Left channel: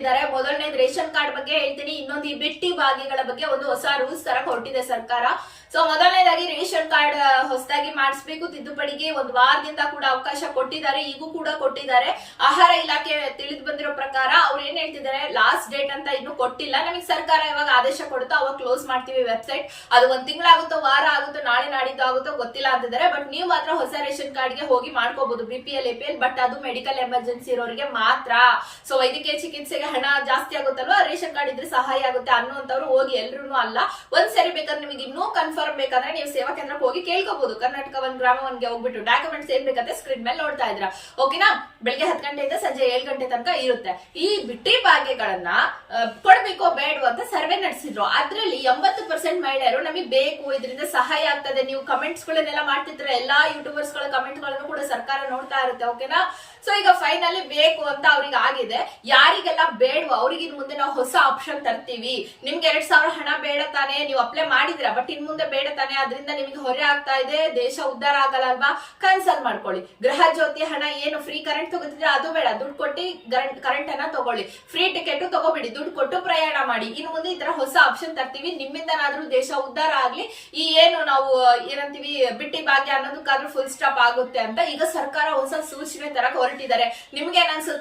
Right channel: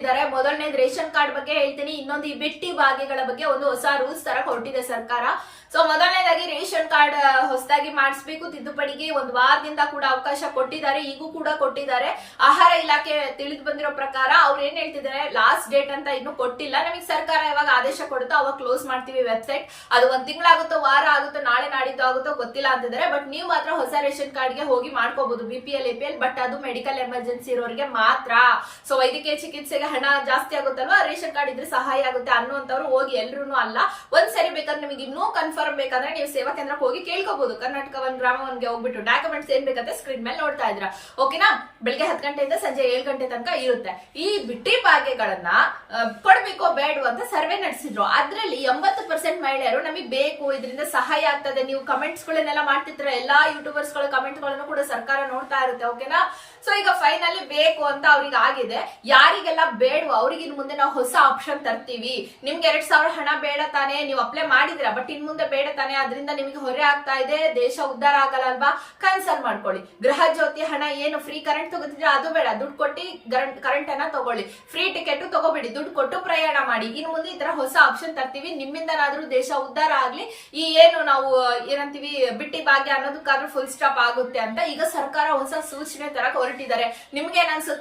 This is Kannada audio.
ಇದ್ದಾರೆ. ಮೊದಲನೇದು ರೇಷನ್ ಕಾರ್ಡ್ ಬಗ್ಗೆ ಹೇಳ್ತೀನಿ. ಇನ್ನೊಂದು ಈ ಬಿಟ್ಟಿ ಭಾಗ್ಯಗಳ ಬಗ್ಗೆ ಒಂದು ಹೊಸ ರೂಲ್ಸ್ ತರ ಹೊರಟಿದೆ ಸರ್ಕಾರ. ಸೊ ಮೊದಲನೇದಾಗಿ ರೇಷನ್ ಕಾರ್ಡ್ ಹೊಸದಾಗಿ ಮಾಡಿಸ್ಬೇಕು. ತಿದ್ದುಪಡಿಗೆ ಒಂದು ವಾರದಿಂದ ಕೂಡ ಅವಕಾಶ ಕೊಟ್ಟಿದ್ದಾರೆ. ಈಗೂ ಕೂಡ ಕೊಟ್ಟಿದ್ದಾರೆ. ಆಹಾರ ಇಲಾಖೆ ತಿಳಿದು ಬಂದಿರೋ ಪ್ರಕಾರ ಅವ್ರು ಏನ್ ಹೇಳ್ತಿದ್ದಾರೆ? ಲಾಸ್ಟ್ ಡೇಟ್ ಅಂತ ಇನ್ನು ಕೊಟ್ಟಿಲ್ಲ. ನಮಗೆ ಸರ್ಕಾರ ಇವಾಗ ಆದೇಶ ಕೊಡುತ್ತೋ ಅವಾಗ ಕ್ಲೋಸ್ ಮಾಡ್ತೀವಿ ವೆಬ್ಸೈಟ್ ಅದು ಒಂದ್ ತಿಂಗಳಾಗುತ್ತೋ, ವಾರ ಆಗುತ್ತೋ, ನಾಳೆ ನಾಡಿದ್ದು ಆಗುತ್ತೋ ಗೊತ್ತಿಲ್ಲ ಅಂತಿದ್ದಾರೆ. ಬಟ್ ನೀವು ಮಾತ್ರ ಹೊಸ ರೇಷನ್ ಕಾರ್ಡ್ಗೆ ಹೋಗಿ ಮಾಡ್ಕೋಬಹುದು ಬಿಪಿಎಲ್ ಎಪಿಎಲ್ ಬಟ್ ಅದು ಮೆಡಿಕಲ್ ಎಮರ್ಜೆನ್ಸಿ ಇರೋರಿಗೆ ಮಾತ್ರ. ಸೊ ವೈದ್ಯಕೀಯ ಚಿಕಿತ್ಸೆಗೆ ಹಣ ಜಾಸ್ತಿ ಆಗುತ್ತಲ್ವಾ? ರೇಷನ್ ಕಾರ್ಡ್ ಇದ್ರೆ ಸಹಾಯ ಆಗುತ್ತೆ ಅನ್ನುವಂಥವ್ರು ಹೋಗಿ ಎಲ್ಲರೂ ಅಲ್ಲ. ಒಂದ್ಸರಿ ಬೇಕಾದ್ರೆ ನಿಮಗೆ ಇನ್ನೂ ಕನ್ಫರ್ಮ್ ಬೇಕಂದ್ರೆ ನೀವು ಸೇವಾ ಕೇಂದ್ರಕ್ಕೆ ಹೋಗಿ ಕೇಳ್ಕೋಬಹುದು ಕರ್ನಾಟಕ ಒಂದ್ ಗ್ರಾಮ ಒಂದ್ಗೆ ಹೋಗ್ಬಿಟ್ಟು ಡಾಕ್ಯುಮೆಂಟ್ಸ್ ಏನ್ ಬೇಕಂತ ಸ್ಕ್ರೀನ್ ಮೇಲೆ ನೋಡ್ತಾ ಇದ್ರ ಓಕೆನಾ ಬೆಳಿಗ್ಗೆ ಹತ್ತು ಗಂಟೆಯಿಂದ ಸಂಜೆ ಏಳು ಗಂಟೆ ತನಕ ಇರುತ್ತೆ. ಈ ಬಿಟ್ಟಿ ಕೊಡ್ಬೇಕು ಕೊಡ್ಬೇಕೋ ಬೇಡವೋ ಅಂತ ಸರ್ವೆ ನಡೆಸಿದ್ರು. ಅದ್ರಲ್ಲಿ ಎಂಬತ್ತು ಪರ್ಸೆಂಟ್ ಮಹಿಳೆಯರು ನಮಗೆ ಬೇಕು, ಇದರಿಂದ ಸಹಾಯ ಆಗ್ತದೆ. ನೀವು ಕಮೆಂಟ್ಸ್ ಗಳನ್ನೆಲ್ಲ ಮಾಡ್ತಿದ್ರೆ ಎಲ್ಲಾ ಯೂಟ್ಯೂಬರ್ಸ್ಗಳ ಕಮೆಂಟ್ಗಳನ್ನು ಕೂಡ ಸರ್ಕಾರ ನೋಡ್ತಾ ಇರುತ್ತೆ. ಓಕೆನಾ ಸೊ ಈಗ ಫೈನಲಿ ಬೇಕು ಅಂತ ಅವ್ರಿಗೆ ಆಗಿದೆ. ಯಾರಿಗೆಲ್ಲ ಬೇಡವೋ ಅವ್ರಿಗೆ ಇನ್ ಮುಂದೆ ನಾವು ಹೊಸ ಆಪ್ಷನ್ ತರ್ತೀವಿ. ನಿಮ್ಗೆ ಎರಡ್ ಸಾವಿರ ಹಣ ಬೇಡ ತಾನೆ, ನೀವು ಅಪ್ಲೈ ಮಾಡಿದಿರ ಬಟ್ ಇನ್ ಮುಂದೆ ಬೇಡ ತಾನೆ, ಅದರಿಂದ ನಿಮಗೆ ಹೊರೆ ಆಗ್ತಾ ಇದೆ, ದೇಶ ಉದ್ಧಾರ ಆಗಲ್ಲ ಅಲ್ವಾ? ಕ್ಯಾನ್ಸಲ್ ಮಾಡ್ಕೊಳ್ಳಿ. ಗೃಹ ಜ್ಯೋತಿ ಹಣ ಏನು ಫ್ರೀ ಕರೆಂಟ್ ತಗೋತಿದ್ರೆ ಅದು ಬೇಡ. ದುಡ್ಡು ಕೊಟ್ಟು ಕರೆಂಟ್ ಅನ್ನ ತಗೊಳ್ಳಿ. ಫ್ರೀ ಟಿಕೆಟ್ ತಗೋಬೇಡಿ. ದುಡ್ಡು ಕೊಟ್ಟು ಪ್ರಯಾಣ ಮಾಡಿ. ಇನ್ ಮುಂದೆ ಈ ತರ ಹೊಸ ಆಪ್ಷನ್ ತರ್ತೀವಿ. ನಿಮ್ಮಿಂದನಾದ್ರೂ ದೇಶ ಉದ್ಧಾರ ಆಗ್ಲಿ. ಈ ಏನು ನಾವು, ಏನಂತೀವಿ, ಬಿಟ್ಟಿ ಭಾಗ್ಯ ಅನ್ನೋದಕ್ಕಾದ್ರೂ ಫುಲ್ ಸ್ಟಾಪ್ ಆಗುತ್ತೆ ಅಂತ ಈಗ ಸರ್ಕಾರ ಹೊಸ ಸೂಚನೆ ತರಕ್ ಹೊರಟಿದ್ದಾರೆ. ನಿಮ್ಗೆ ಏನ್ ಅನ್ಸುತ್ತೆ?